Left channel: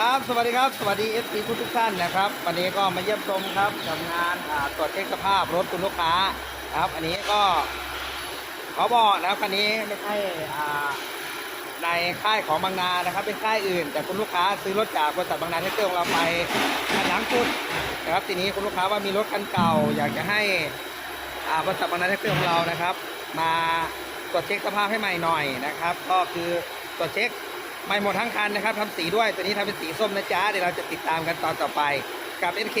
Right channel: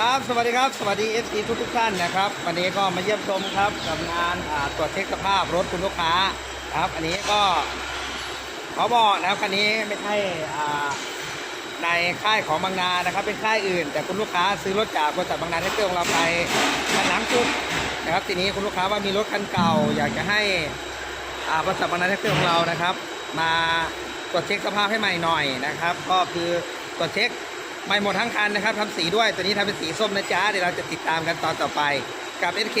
ครับสวัสดีครับ สวัสดี FC ทุกทุกท่านนะครับ วันนี้ก็มาเยี่ยมชมครับกับงานตรวจเช็คสภาพรถคุณลูกค้านะครับ อันนี้ก็ขอบอกนะครับคันนี้ไม่ใช่ในค่ายของบางนานะครับ เป็นค่ายอื่น แต่คุณลูกค้าซื้อรถจากบริษัทบางนาแท็กเตอร์ของเราไปคันหลังสุดนะครับ ทีนี้คุณลูกค้าว่ามีรถคันเก่า อยากจะให้บริษัทบางนาแท็กเตอร์ของเรานะครับ มาตรวจเช็คสภาพให้ใหม่หน่อยนะครับ ก็คือตรวจเช็ค ไม่หมดทั้งคันนะครับทำสีด้วยตัวนี้ทำเป็นสีส้มนะจ๊ะเดี๋ยวเราจะติดตามกันตอนต่อไปกับ SK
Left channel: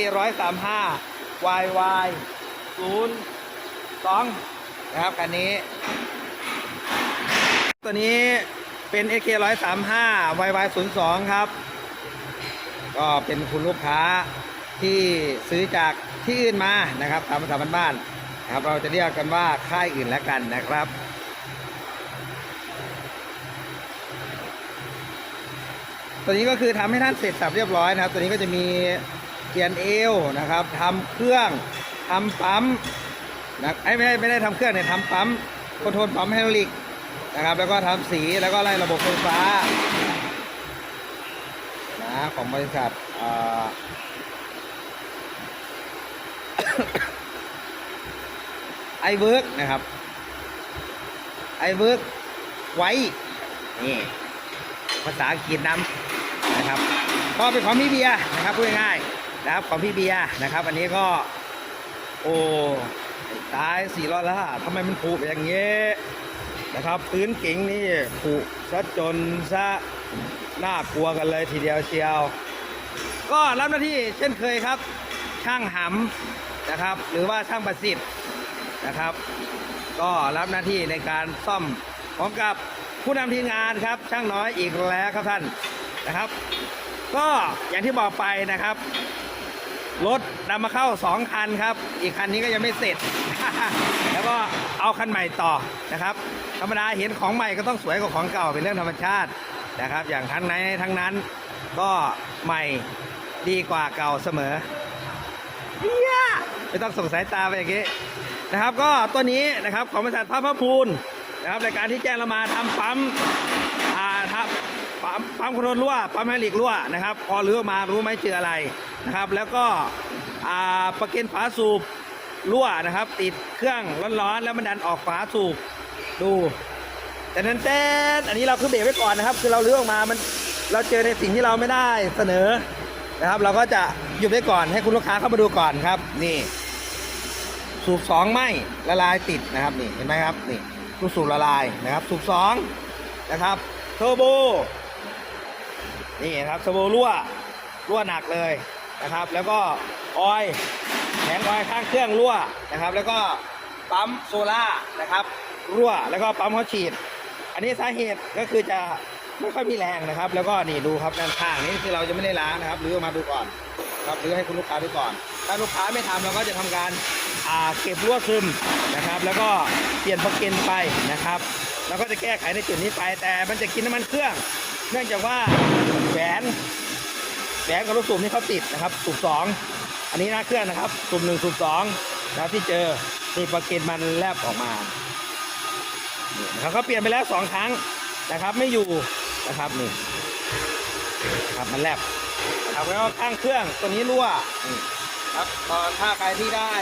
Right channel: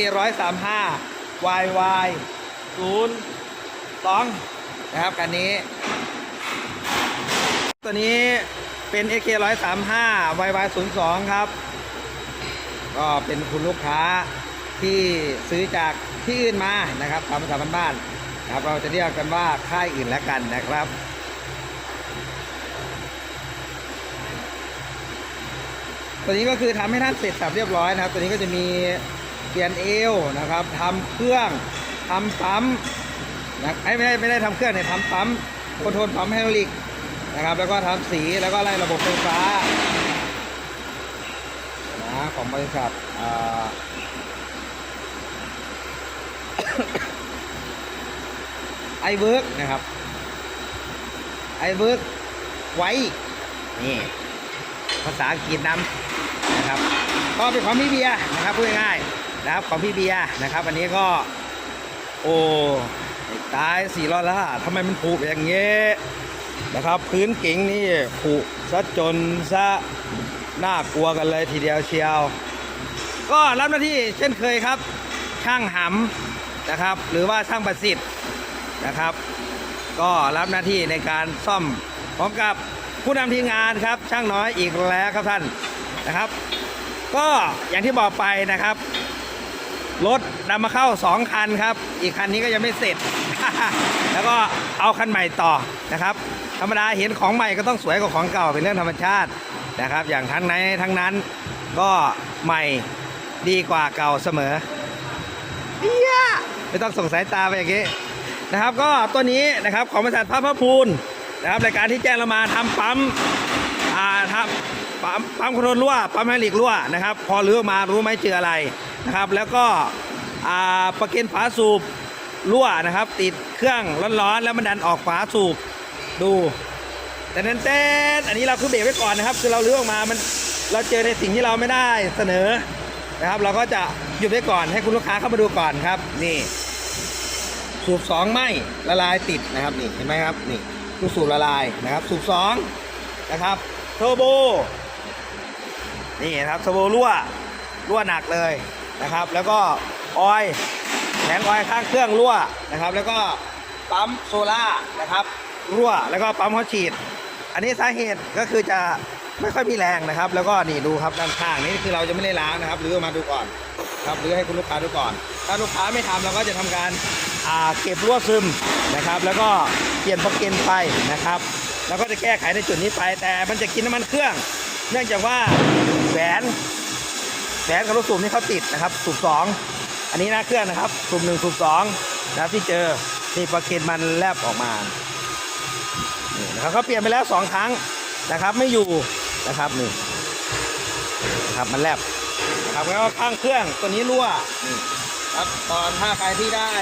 135 YY 0 2นะครับคันนี้ ตัวนี้เป็น SK 135 YY 0 2ครับ ก็เป็นคุณลูกค้าที่ซื้อจากที่อื่นมานะครับตามาษาบ้านๆนะครับ เราจะเรียกกันว่าค่ายอื่นแล้วกันนะครับ ตัวนี้ก็คือทำให้ท่านเสร็จสับเรียบร้อยนะครับ ตัวนี้ก็จะมีเปลี่ยนเอวนะครับทำเครื่องทำปั๊มนะไอไม่ได้ไม่ได้ทำเครื่องเนี่ยทำปั๊มคอนโทรลปั๊มไฮดรอลิกนะครับ แล้วก็ทำสีแล้วก็ไล่ระบบไฟฟ้านะของบริษัทไอเวิร์กนะครับไอเวิร์กไว้นี่ ภาษาอังกฤษนำนะครับก็เป็นของพี่เบียร์นะครับพูดง่ายๆนะครับของพี่เบียร์นะครับ อันนี้ก็โอ้ตายสี่ร้อยละทำไมมันผุอย่างเงี้ยนะครับ พื้นกิ่งนี่ผุซะจนซะน่ากลัวกันเลยทีเดียวเชียว ก็รับหน้าที่เช่นเคยครับ ช่างหำนะครับ หรือว่าช่างประสิทธิ์นะครับ ก็รับหน้าที่ในการซ่อมพร้อมกับ ผู้นำทีมงานครับ ช่างน้อยอีกแล้วครับท่านนะครับ ก็อย่างที่บอกไปนะครับรถนำมาเข้า 2 คันครับ อีกคันนี้ก็ยังไม่เสร็จ แล้วก็เอาคันใหม่ต่อนะครับ ธรรมดาเห็นของใหม่ก็ต้องสวยกว่าของเก่าเป็นเรื่องธรรมชาตินะครับ อย่างทั้งในทั้งนั้นก็ใหม่ดีกว่าเก่าเสมอเอี้ยไม่ต้องส่งสายตาไปอย่างนี้นะครับ ก็ตัวนี้นะครับของบริษัทพระพระพูน นะครับรายการที่แจ้งเรามาทำปั๊มอ่าครับปั๊มปั๊มคอนโทรลรั่วปั๊มไฮลิกรั่วนะครับ พอรื้อมารู้ไหมเจออะไรนะครับ แล้วก็อ่าประเก็นฝาสูบรั่วนะครับ ติดเครื่องร้อนๆแล้วมันดันออกฝาสูบดู แต่นั้นเต้นอันนี้เราคือเบรกไว้ก่อนนะครับ คือเราเลือกมามันเราเจอในสิ่งที่เราไม่ได้เสนอนะครับ เราก็จะหยุดไว้ก่อนให้คุณลูกค้าเข้ามาดูก่อนครับ นี่ สูบสองไหมละลายติดนะครับนี่เห็นไหมครับนี่ ลูกสูบละลายนะครับ สูบสองนะครับเทอร์โบนี่นะครับเทอร์โบรั่วรั่วหนักเลยนะครับ แล้วก็ออยล์แผงออยล์ข้างเครื่องรั่วนะครับ แล้วก็ปั๊มโซล่านะครับรั่วแล้วก็ปั๊มหัวฉีด อันนี้สาเหตุก็คือจะไม่ค่อยมีแรงนะครับ แล้วก็นี่ดูครับด้านข้างนี่คือเราจะไม่ได้ล้างนะครับหรืออมาดูก่อนครับหรือให้คุณลูกค้าดูก่อน ถ้าลูกค้าไม่ทำเราก็จะทำการ เก็บรั่วซึมนะครับ แล้วก็เปลี่ยนปลั๊กเกนไปนะครับ แล้วก็จะแก้ไขในจุดนี้ไป แต่มันจะกินน้ำมันเครื่อง เนื่องจากว่าแหวนแหวนกับลูกสูบนี่เขาติดนะครับ สูบสองอันนี้หน้าเครื่องนะครับ สูบหนึ่งสูบสองนะที่เจอนี่ปลั๊กเกนมันแลบออกมานี่นะครับเขาเปลี่ยนไปแล้วสองครั้งนะครับ ไม่อยู่นะครับนี่นะครับมันแลบนะครับแล้วก็ข้างเครื่องตัวนี้รั่วนี่ ครับตอนถ้าใครที่ได้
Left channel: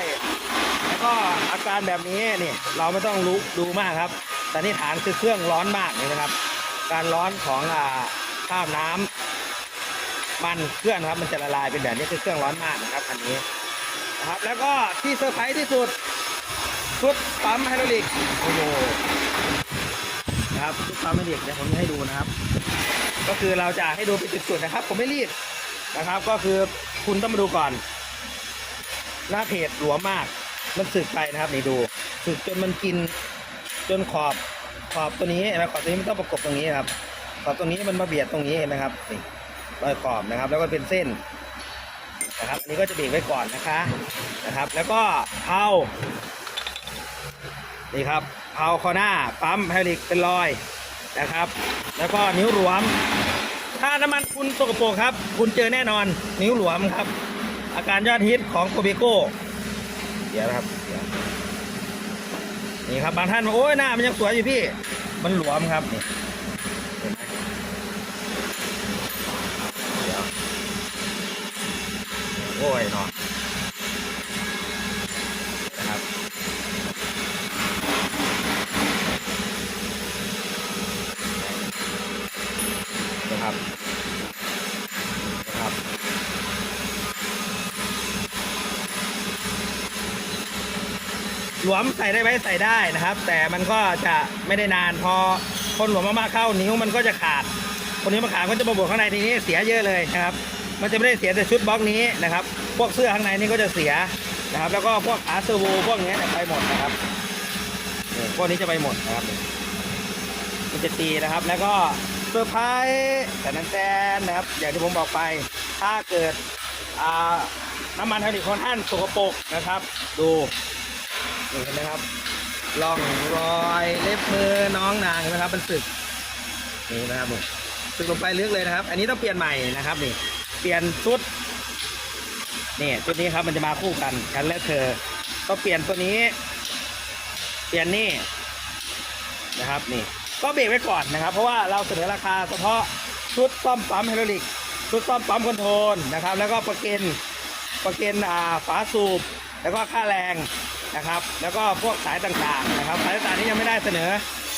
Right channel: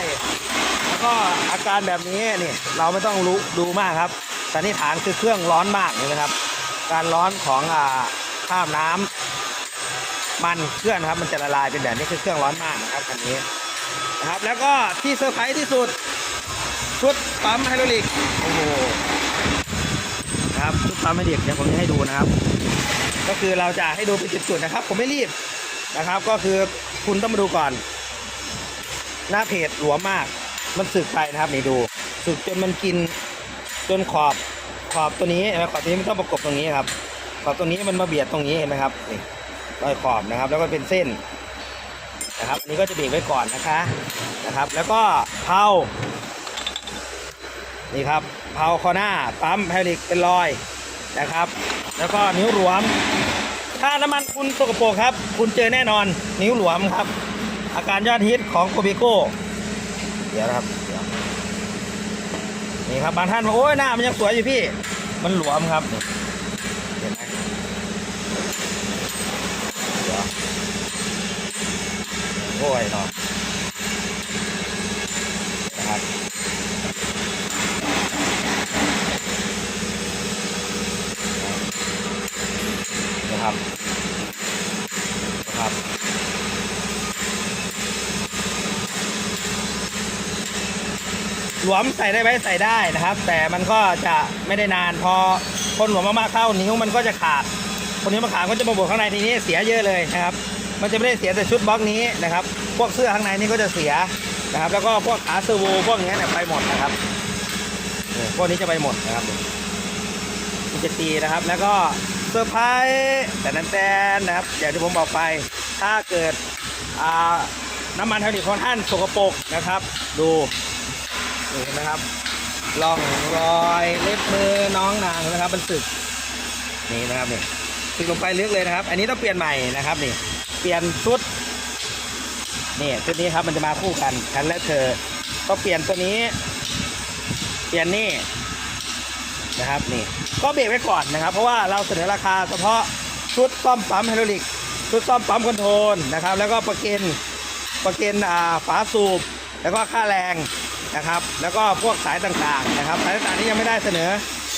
แล้วก็อาการแบบนี้นี่เราไม่ต้องรู้ดูมากครับสันนิษฐานคือเครื่องร้อนมากเลยนะครับ การร้อนของอ่าข้ามน้ำมันเครื่องนครับ มันจะละลายเป็นแบบนี้คือเครื่องร้อนมากนะครับคันนี้นะครับ แล้วก็ที่เซอร์ไพรส์ที่สุดชุดปั๊มไฮดรอลิกโอ้โหนะครับชุดปั๊มไฮดรอลิกเดี๋ยวผมจะให้ดูนะครับ ก็คือเราจะให้ดูเป็นจุดๆนะครับ ผมไม่รีบนะครับ ก็คือคุณต้องมาดูก่อน หน้าเพจหลวมมาก มันสึกไปนะครับนี่ดูสึกจนมันกินจนขอบขอบตัวนี้เห็นไหมขอบตัวนี้มันต้องประกบตรงนี้ครับ ขอบตรงนี้มันมาเบียดตรงนี้เห็นไหมครับนี่รอยขอบนะครับ แล้วก็เป็นเส้นนะครับอันนี้ก็จะเบรกไว้ก่อนนะคะนะครับ แล้วก็เพานี่ครับเพาคอหน้าปั๊มไฮรอลิกเป็นรอยนะครับ แล้วก็นิ้วหลวม ถ้าน้ำมันคุณสกปรกครับ คุณเจอแน่นอนนิ้วหลวมครับ อาการยอดฮิตของโคเบโก้เดี๋ยวนะครับเดี๋ยวนี่ครับบางท่านบอกโอ้ยหน้ามันยังสวยอยู่พี่ มันหลวมครับนี่เห็นไหมเดี๋ยวโอ้ยนาะนนะครับนะครับ หลวมใส่ได้ไหมใส่ได้นะครับ แต่มันก็จะไม่ได้นานพอคนหลวมมากๆเข้านิ้วมันก็จะขาด คนนี้วมาขาดก็จะมาบวกข้างในทีนี้เสียเยอะเลยนะครับ มันจะไม่ได้เสียแต่ชุดบล็อกนี้นะครับ พวกเสื้อข้างในนี่ก็จะเสียนะครับ แล้วก็พวกขาเซอร์โวพวกนี้เนี่ยไปหมดนะครับนี่พวกนี้จะไปหมดนะครับมันจะตีนะครับ แล้วก็เซอร์ไพรส์แต่นั้นแตนนะครับ อย่างที่ผมบอกไป ถ้าเกิดอ่าน้ำมันไฮดรอลิกของท่านสกปรกนะครับ ดู นี่เห็นไหมครับร่องรอยเล็บมือน้องนางนไหมครับมันสึกนี่นะครับนี่สึกลงไปลึกเลยนะครับ อันนี้ต้องเปลี่ยนใหม่นะครับนี่ เปลี่ยนชุดนี่ชุดนี้ครับมันจะมาคู่กันฉันและเธอต้องเปลี่ยนตัวนี้ เปลี่ยนนี่นะครับนี่ก็เบรกไว้ก่อนนะครับ เพราะว่าเราเสนอราคาเฉพาะชุดซ่อมปั๊มไฮดรอลิกชุดซ่อมปั๊มคอนโทรลนะครับ แล้วก็ประกันประกันฝาสูบ แล้วก็ค่าแรง นะครับ แล้วก็พวกสายต่างๆนะครับ สายต่างๆที่ยังไม่ได้เสนอ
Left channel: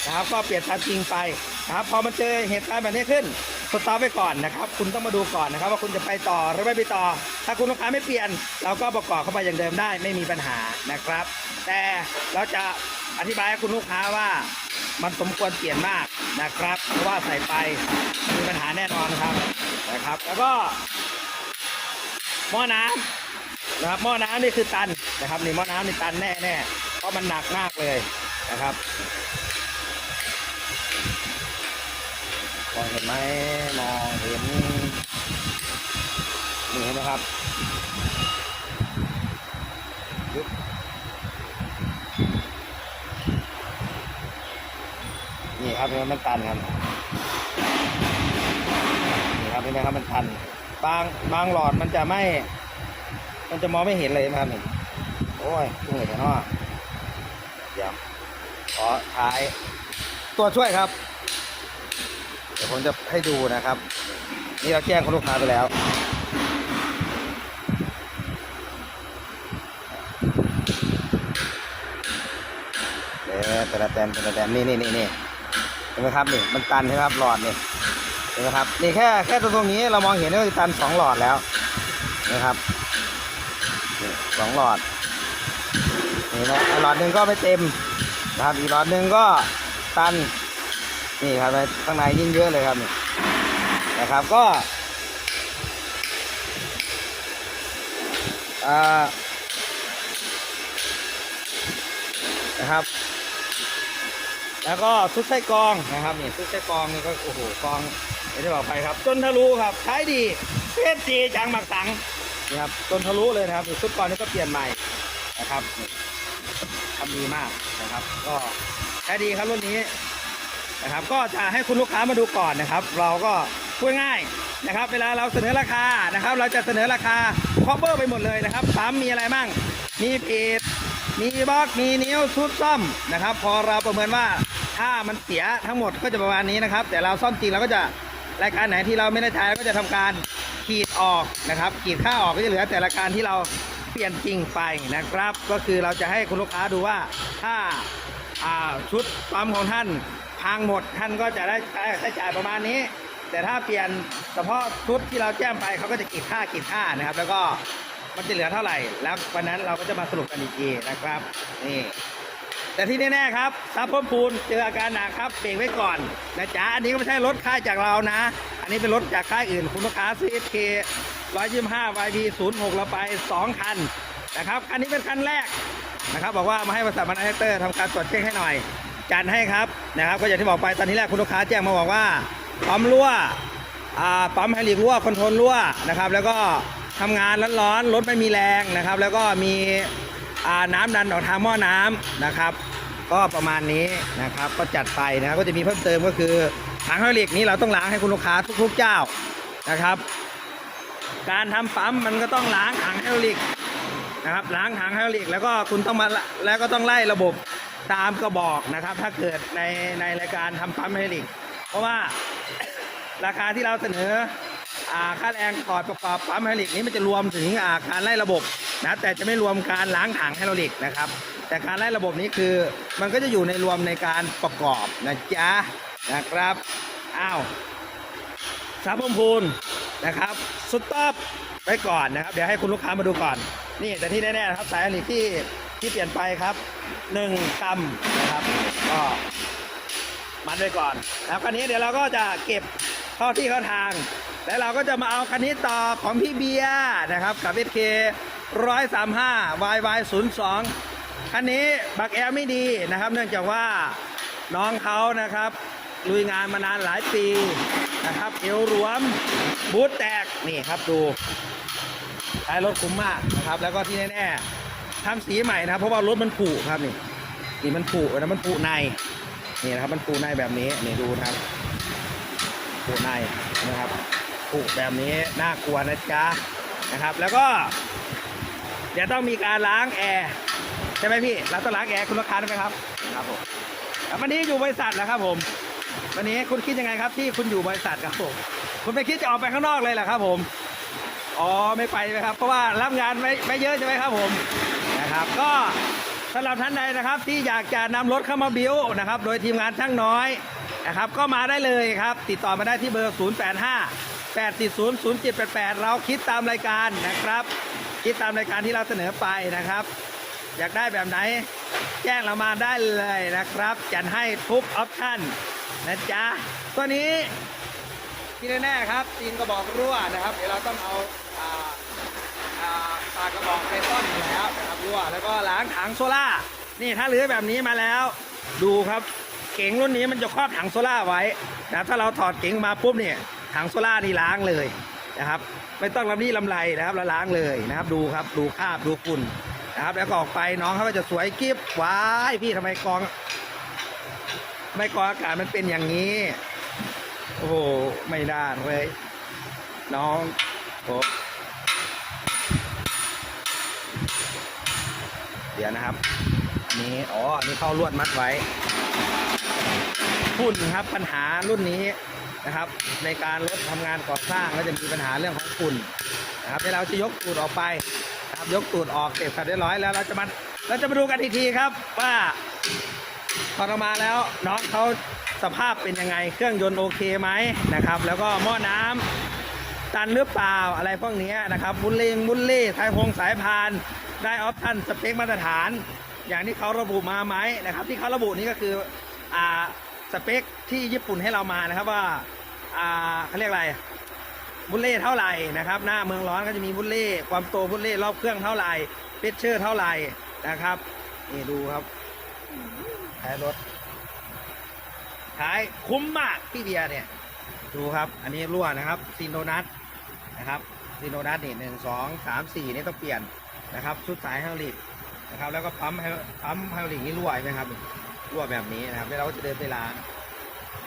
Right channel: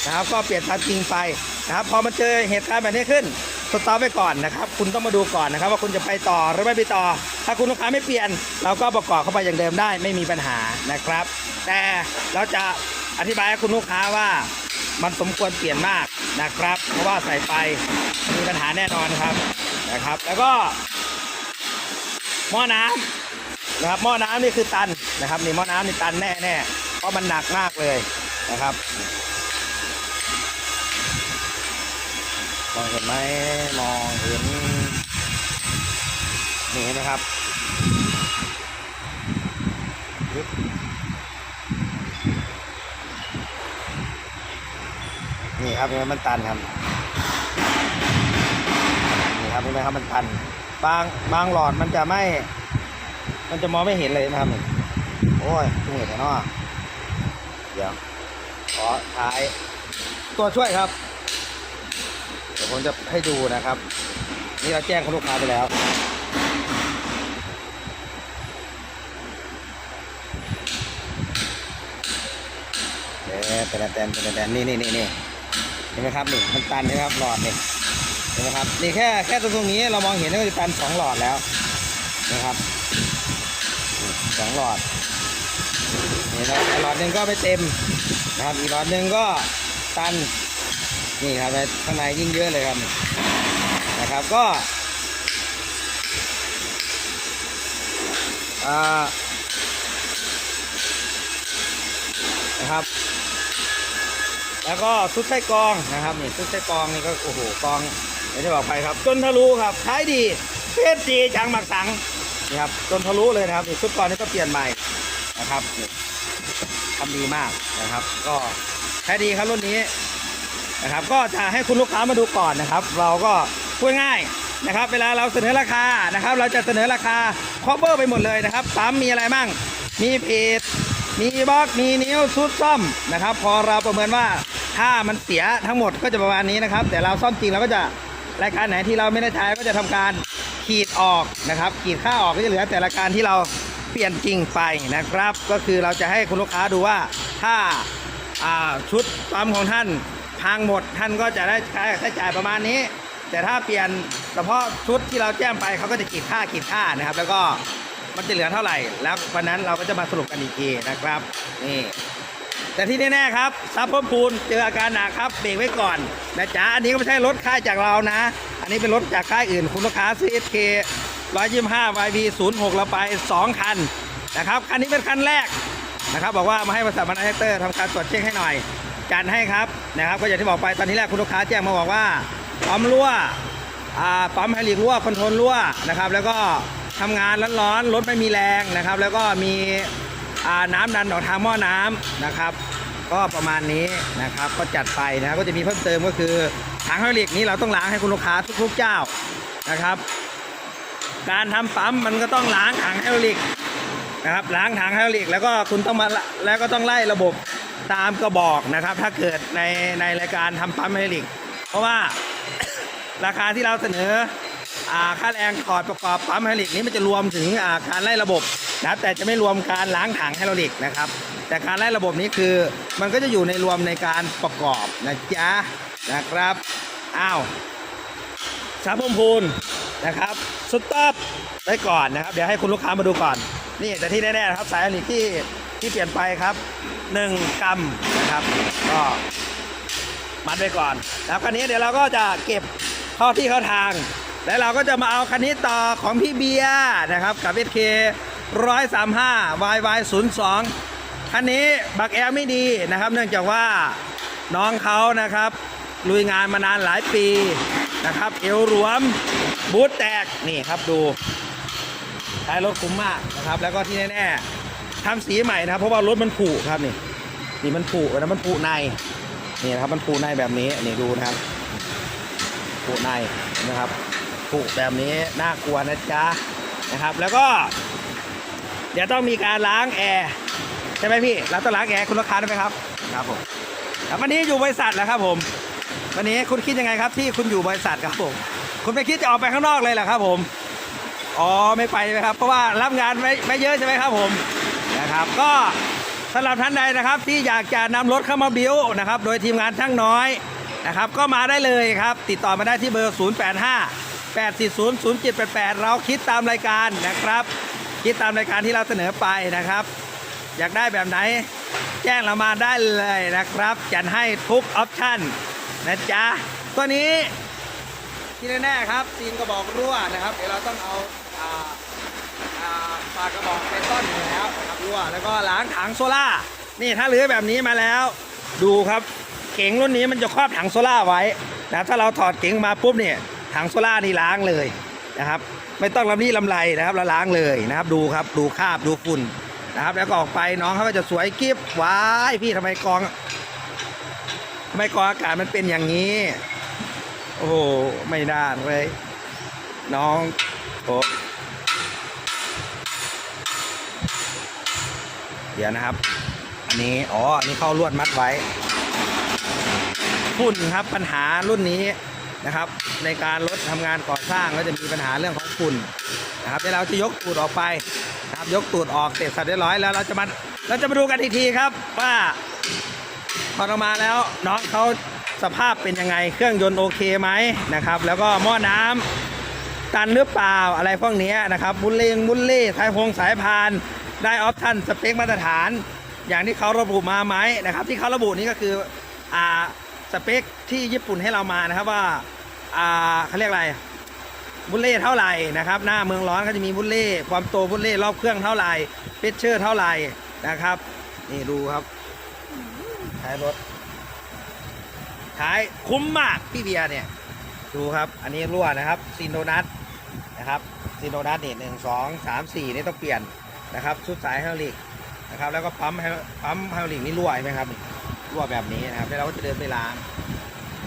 นะครับ ก็เปลี่ยนตามจริงไปนะครับพอมันเจอเหตุการณ์แบบนี้ขึ้นสต็อปไว้ก่อนนะครับ คุณต้องมาดูก่อนนะครับ ว่าคุณจะไปต่อหรือไม่ไปต่อ ถ้าคุณลูกค้าไม่เปลี่ยน เราก็ประกอบเข้าไปอย่างเดิมได้ไม่มีปัญหานะครับ แต่เราจะอธิบายให้คุณลูกค้าว่ามันสมควรเปลี่ยนมากนะครับ เพราะว่าใส่ไปมีปัญหาแน่นอนครับนะครับ แล้วก็หม้อน้ำ นะครับหม้อน้ำนี่คือตันนะครับนี่หม้อน้ำนี่ตันแน่แน่ๆเพราะมันหนักมากเลยนะครับมองเห็นไหมมองเห็นนี่เห็นไหมครับนี่ครับเห็นไหมมันตันครับนี่ครับเห็นไหมครับมันตัน บางบางหลอดมันจะไม่ มันจะมองไม่เห็นเลยนะครับนี่โอ้ยตุ้งเหตุเนาะเดี๋ยวขอท้ายตัวช่วยครับ เดี๋ยวผมจะให้ดูนะครับ นี่เราแจ้งคุณลูกค้าไปแล้วเดี๋ยวแต่ละแตนแต่ละแตนนี่นี่นี่นี่เห็นไหมครับนี่มันตันใช่ไหมครับหลอดนี่เห็นไหมครับนี่แค่แค่ตรงนี้เรามองเห็นว่าตันสองหลอดแล้วนะครับ สองหลอดนี่นะหลอดหนึ่งก็ไม่เต็มนะครับอีกหลอดหนึ่งก็ตันนี่ครับข้างในยิ่งเยอะเลยครับนะครับก็นะครับ แล้วก็ซุดไส้กรองนะครับนี่ซุดไส้กรองนี่ก็โอ้โหกรองอย่างที่บอกไปครับ จนทะลุครับใช้ดีเพชรจีจางหมักสัง นี่ครับจนทะลุเลยนะครับชุดก่อนนี้ก็เปลี่ยนใหม่นะครับนี่ทำดีมากนะครับ ก็ใช้ดีครับรุ่นนี้นะครับ ก็จะให้คุณลูกค้ามาดูก่อนนะครับ เราก็พูดง่ายนะครับ เวลาเราเสนอราคานะครับ เราจะเสนอราคาครอบเบอร์ไปหมดเลยนะครับปั๊มมีอะไรบ้างมีเพจมีบล็อกมีนิ้วชุดซ่อมนะครับ พอเราประเมินว่าถ้ามันเสียทั้งหมดก็จะประมาณนี้นะครับ แต่เราซ่อมจริงเราก็จะรายการไหนที่เราไม่ได้ใช้ก็จะทำการ ขีดออกนะครับ ขีดค่าออกก็จะเหลือแต่ละการที่เราเปลี่ยนจริงไปนะครับ ก็คือเราจะให้คุณลูกค้าดูว่าถ้าาชุดปั๊มของท่านพังหมดท่านก็จะได้ใช้ใช้จ่ายประมาณนี้ แต่ถ้าเปลี่ยนเฉพาะชุดที่เราแจ้งไปเขาก็จะขีดค่าขีดค่านะครับ แล้วก็มันจะเหลือเท่าไหร่ แล้ววันนั้นเราก็จะมาสรุปกันอีกทีนะครับนี่ แต่ที่แน่ๆครับซับเพิ่มพูนเจออาการหนักครับเบรกไว้ก่อนนะจ๊ะอันนี้ก็ไม่ใช่รถค่ายจากเรานะ อันนี้เป็นรถจากค่ายอื่นคุณลูกค้าซื้อ SK 125 YB 06เราไป 2 คันนะครับคันนี้เป็นคันแรกนะครับบอกว่ามาให้บริษัทมันแอคเตอร์ทำการตรวจเช็คให้หน่อยจัดให้ครับนะครับก็อย่างที่บอกไปตอนนี้แรกคุณลูกค้าแจ้งมาบอกว่าปั๊มรั่วปั๊มไฮดรอลิกรั่วคอนโทรลรั่วนะครับแล้วก็ทำงานร้อนๆรถไม่มีแรงนะครับ แล้วก็มี น้ำดันออกทางหม้อน้ำนะครับ ก็ประมาณนี้นะครับ ก็จัดไปนะก็จะมีเพิ่มเติมก็คือถังไฮดรอลิกนี้เราต้องล้างให้คุณลูกค้าทุกๆเจ้านะครับ การทำปั๊มมันก็ต้องล้างถังไฮดรอลิกนะครับล้างถังไฮดรอลิกแล้วก็คุณต้องมาแล้วก็ต้องไล่ระบบตามกระบอกนะครับ ถ้าเกิดในในรายการทำปั๊มไฮดรอลิก เพราะว่าราคาที่เราเสนอค่าแรงถอดประกอบปั๊มไฮดรอลิกนี้มันจะรวมถึงการไล่ระบบ นะแต่จะไม่รวมการล้างถังไฮดรอลิกนะครับ แต่การไล่ระบบนี้คือมันก็จะอยู่ในรวมในการประกอบนะจ๊ะนะครับอ้าวสาพมพูนนะครับสต็อปไว้ก่อนนะครับ เดี๋ยวให้คุณลูกค้ามาดูก่อน นี่แต่ที่แน่ๆนะครับสายไฮดรอลิกที่ที่เปลี่ยนไปครับ 1 กรัมนะครับ ก็มัดไว้ก่อนแล้วคันนี้เดี๋ยวเราก็จะเก็บเข้าที่เข้าทาง แล้วเราก็จะมาเอาคันนี้ต่อของพี่เบียร์นะครับกับ SK 135 YY 02คันนี้บักแอร์ไม่ดีนะครับ เนื่องจากว่าน้องเขานะครับ ลุยงานมานานหลายปีนะครับ เอวรวมบูทแตกนี่ครับดูท้ายรถคุ้มมากนะครับ แล้วก็ที่แน่ๆทำสีใหม่นะครับ เพราะว่ารถมันผุครับนี่นี่มันผุนะมันผุในนี่นะครับมันปูในแบบนี้นี่ดูนะครับปูในนะครับปูแบบนี้น่ากลัวนะจ๊ะนะครับ แล้วก็ เดี๋ยวต้องมีการล้างแอร์ใช่ไหมพี่เราต้องล้างแอร์คุณลูกค้าได้ไหมครับครับผมแล้ววันนี้อยู่บริษัทแล้วครับผม วันนี้คุณคิดยังไงครับ ที่คุณอยู่บริษัทครับผมคุณไม่คิดจะออกไปข้างนอกเลยเหรอครับ ผมอ๋อไม่ไปใช่ไหมครับเพราะว่ารับงานไม่ไม่เยอะใช่ไหมครับผมนะครับ ก็สำหรับท่านใดนะครับ ที่อยากจะนำรถเข้ามาบิวนะครับ โดยทีมงานช่างน้อยนะครับ ก็มาได้เลยครับ ติดต่อมาได้ที่เบอร์ 085 840 0788 เราคิดตามรายการนะครับ คิดตามรายการที่เราเสนอไปนะครับ อยากได้แบบไหน แจ้งเรามาได้เลยนะครับจัดให้ทุกออปชั่นนะจ๊ะตัวนี้ที่แน่ๆครับตีนกระบอกรั่วนะครับ เดี๋ยวเราต้องเอาปากกระบอกไปซ่อนอยู่แล้วนะครับรั่วแล้วก็ล้างถังโซล่านี่ถ้าเหลือแบบนี้มาแล้ว ดูครับเก๋งรุ่นนี้มันจะครอบถังโซล่าไว้นะถ้าเราถอดเก๋งมาปุ๊บเนี่ยถังโซล่านี่ล้างเลย นะครับ ไม่ต้องลำนี้ลำไรนะครับเราล้างเลยนะครับ ดูครับดูคราบดูฝุ่นนะครับ แล้วก็ออกไปน้องเขาก็จะสวยกิ๊บว้ายพี่ทำไมกองทำไมกองอากาศมันเป็นอย่างนี้ โอ้โหไม่ได้เลยน้องโอ้เดี๋ยวนะครับอันนี้อ๋ออันนี้เข้าลวดมัดไว้ฝุ่นครับปัญหารุ่นนี้ นะครับ ในการรถทำงานก่อสร้างแล้วจะมีปัญหาเรื่องของฝุ่นนะครับเวลาเราจะยกตูดออกไปนะครับยกตูดออกเสร็จสับเรียบร้อยแล้วเราจะมาเราจะมาดูกันอีกทีครับว่าพอเรามาแล้วน้องเขาสภาพเป็นยังไงเครื่องยนต์โอเคไหมนะครับ แล้วก็หม้อน้ำกันหรือเปล่าอะไรพวกนี้นะครับบุลเลงบุลเล่สายพงสายพานได้ออปชั่นสเปคมาตรฐาน อย่างที่เขาระบุมาไหมนะครับ ที่เขาระบุนี้ก็คืออ่า สเปคที่ญี่ปุ่นให้เรามานะครับว่าอ่าเขาเรียกอะไรบุลเล่เท่าไหร่นะครับ หน้าเมืองร้อนก็จะมีบุลเล่ความโตบุลเล่รอบเครื่องเท่าไหร่เพชเชอร์เท่าไหร่นะครับนี่ดูครับท้ายรถท้ายคุ้มมากพี่เบียร์เนี่ยดูครับ อันนี้รั่วนะครับซินโดนัทนะครับซินโดนัทนี่หนึ่งสองสามสี่นี่ต้องเปลี่ยนนะครับชุดสายไฮดรอลิกนะครับแล้วก็ปั๊มปั๊มไฮดรอลิกนี่รั่วไหมครับ รั่วแบบนี้นะครับแล้วเราก็จะเดินไปล้าง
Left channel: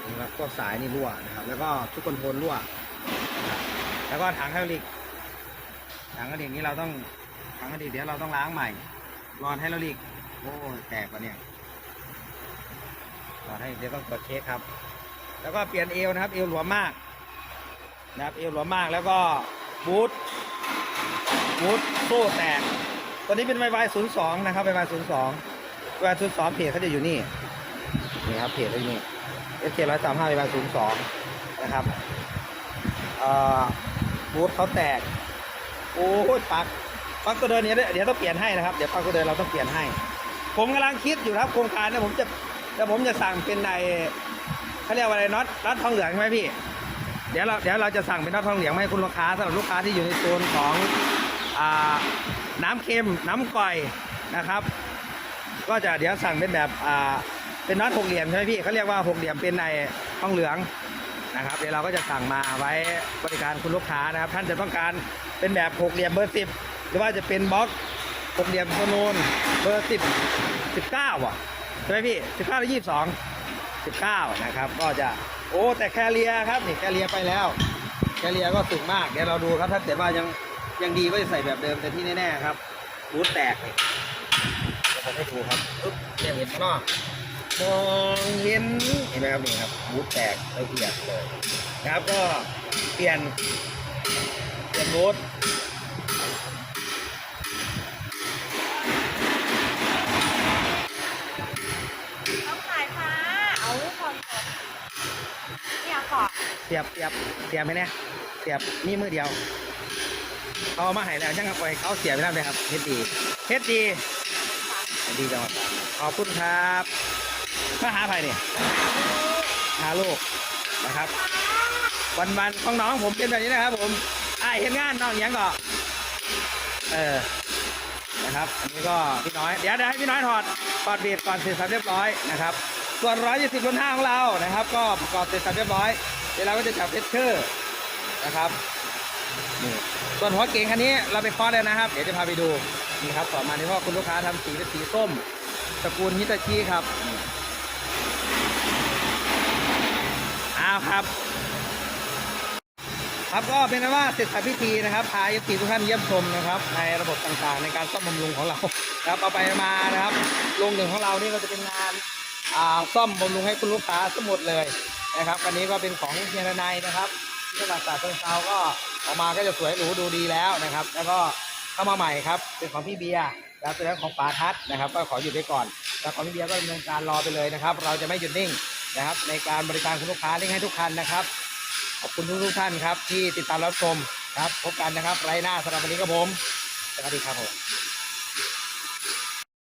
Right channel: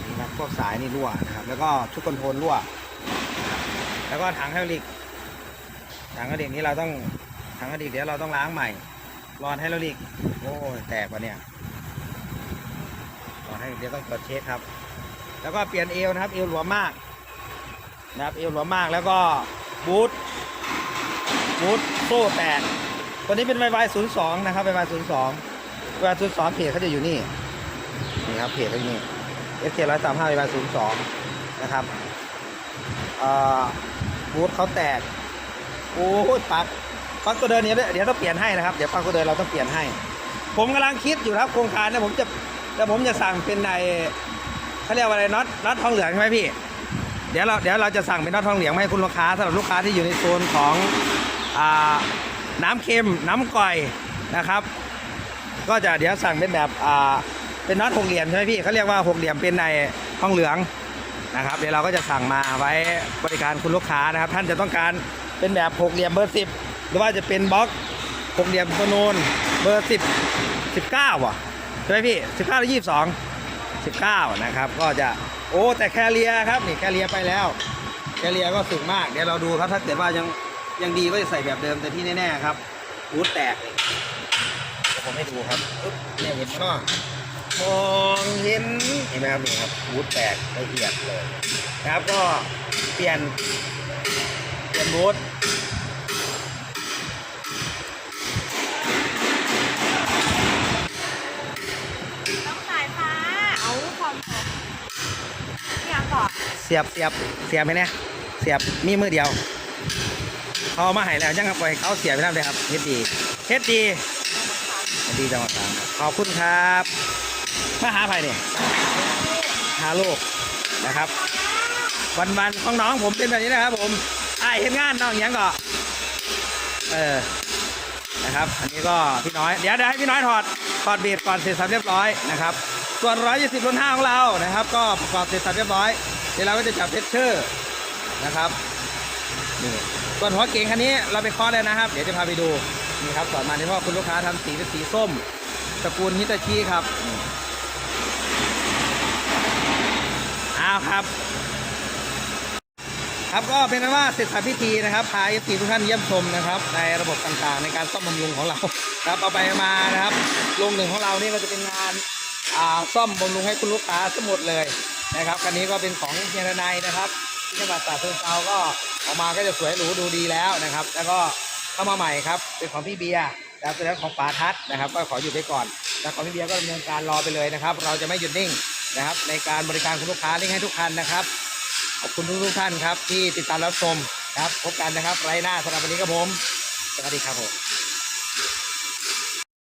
นี่ครับพวกสายนี่รั่วนะครับ แล้วก็ชุดคอนโทรลรั่วนะครับแล้วก็ถังไฮดรอลิกถังไฮดรอลิกนี้เราต้องถังไฮดรอลิกเดี๋ยวเราต้องล้างใหม่รอนไฮดรอลิกโอ้แตกว่ะเนี่ยขอให้เดี๋ยวต้องตรวจเช็คครับ แล้วก็เปลี่ยนเอวนะครับ เอวหลวมมากนะครับเอวหลวมมากแล้วก็บูทบูทโซ่แตกตัวนี้เป็นไวไวศูนย์สองนะครับไวไวศูนย์สอง ไวไวศูนย์สองเพจเขาจะอยู่นี่ นี่ครับเพจเขาอยู่นี่เอสเคร้อยสามห้าไวไวศูนย์สองนะครับบูทเขาแตก โอ้ยปักปักตัวเดินเนี้เดี๋ยวต้องเปลี่ยนให้นะครับ เดี๋ยวปักตัวเดินเราต้องเปลี่ยนให้ ผมกำลังคิดอยู่ครับโครงการเนี่ยผมจะแต่ผมจะสั่งเป็นในเขาเรียกว่าอะไรน็อตน็อตทองเหลืองใช่ไหมพี่ เดี๋ยวเราเดี๋ยวเราจะสั่งเป็นน็อตทองเหลืองให้คุณลูกค้าสำหรับลูกค้าที่อยู่ในโซนของอน้ำเค็มน้ำก่อยนะครับ ก็จะเดี๋ยวสั่งเป็นแบบอ่าเป็นน็อตหกเหลี่ยมใช่ไหมพี่เขาเรียกว่าหกเหลี่ยมเป็นในทองเหลืองนะครับ เดี๋ยวเราก็จะสั่งมาไว้บริการคุณลูกค้านะครับ ท่านจะต้องการเป็นแบบหกเหลี่ยมเบอร์สิบหรือว่าจะเป็นบล็อกหกเหลี่ยมโซโนนเบอร์สิบสิบเก้าอะใช่ไหมพี่สิบเก้าหรือยี่สิบสองสิบเก้านะครับ ก็จะโอ้แต่แคเรียครับนี่แคเรียไปแล้ว แคเรียก็สึกมากเดี๋ยวเราดูครับถ้าเกิดว่ายังยังดีก็จะใส่แบบเดิมแต่ที่แน่ๆครับบูทแตกนี่ย ผมให้ดูครับอึ๊บเนี่ยเห็นไหมเนาะมองเห็นเห็นไหมครับนี่ครับบูทแตกละเอียดเลยนะครับก็เปลี่ยนนบูธต้องสายฟ้า เอาคอนโทรเนี่ยก่อนเสียบเสียบเสียบไหมเนี่ยเสียบมีมือเดียวเขาเอามาให้แล้วยังครับไปเขาเสียบไปนั่นเลยครับเฮ็ดดีเฮ็ดดีเฮ็ ดีจังหวัดตรังขอบคุณครับมาหาใครเนี่ยหาลูกนะครับ วันวันๆของน้องผมเป็นแบบนี้นะครับ ผมไอเห็นงานน้องอยังก็เออนะครับ อันนี้ก็พี่น้อยเดี๋ยวเดี๋ยวให้พี่น้อยถอดถอดเบียดก่อนเสร็จสับเรียบร้อยนะครับ ส่วนร้อยยี่สิบรุ่นห้าของเรานะครับ ก็ประกอบเสร็จสับเรียบร้อยเดี๋ยวเราก็จะจับเพชรเชอร์นะครับนี่ส่วนหัวเก่งคันนี้เราไปเคาะเลยนะครับ เดี๋ยวจะพาไปดู นี่ครับสอนมาที่ว่าคุณลูกค้าทำสีเป็นสีส้มตระกูลฮิตาชิครับอ้าวครับ ครับก็เป็นว่าเสร็จสับพิธีนะครับพาเอฟซีทุกท่านเยี่ยมชมนะครับ ในระบบต่างๆ ในการซ่อมบำรุงของเราครับเอาไปมานะครับโรงหนึ่งของเรานี่ก็จะเป็นงานอ่าซ่อมบำรุงให้คุณลูกค้าทั้งหมดเลยนะครับคันนี้ก็เป็นของเฮียนายนะครับที่จังหวัดตราดเชิงเทราก็ออกมาก็จะสวยหรูดูดีแล้วนะครับ แล้วก็ เข้ามาใหม่ครับ เป็นของพี่เบียร์แล้วเป็นของป๋าทัศนะครับ ก็ขอหยุดไปก่อน แล้วของพี่เบียร์ก็ดำเนินการรอไปเลยนะครับ เราจะไม่หยุดนิ่งนะครับ ในการบริการคุณลูกค้าเร่งให้ทุกคันนะครับ ขอบคุณทุกทุกท่านครับ ที่ติดตามรับชมครับ พบกันนะครับ ไรหน้าสำหรับวันนี้ครับผม สวัสดีครับผม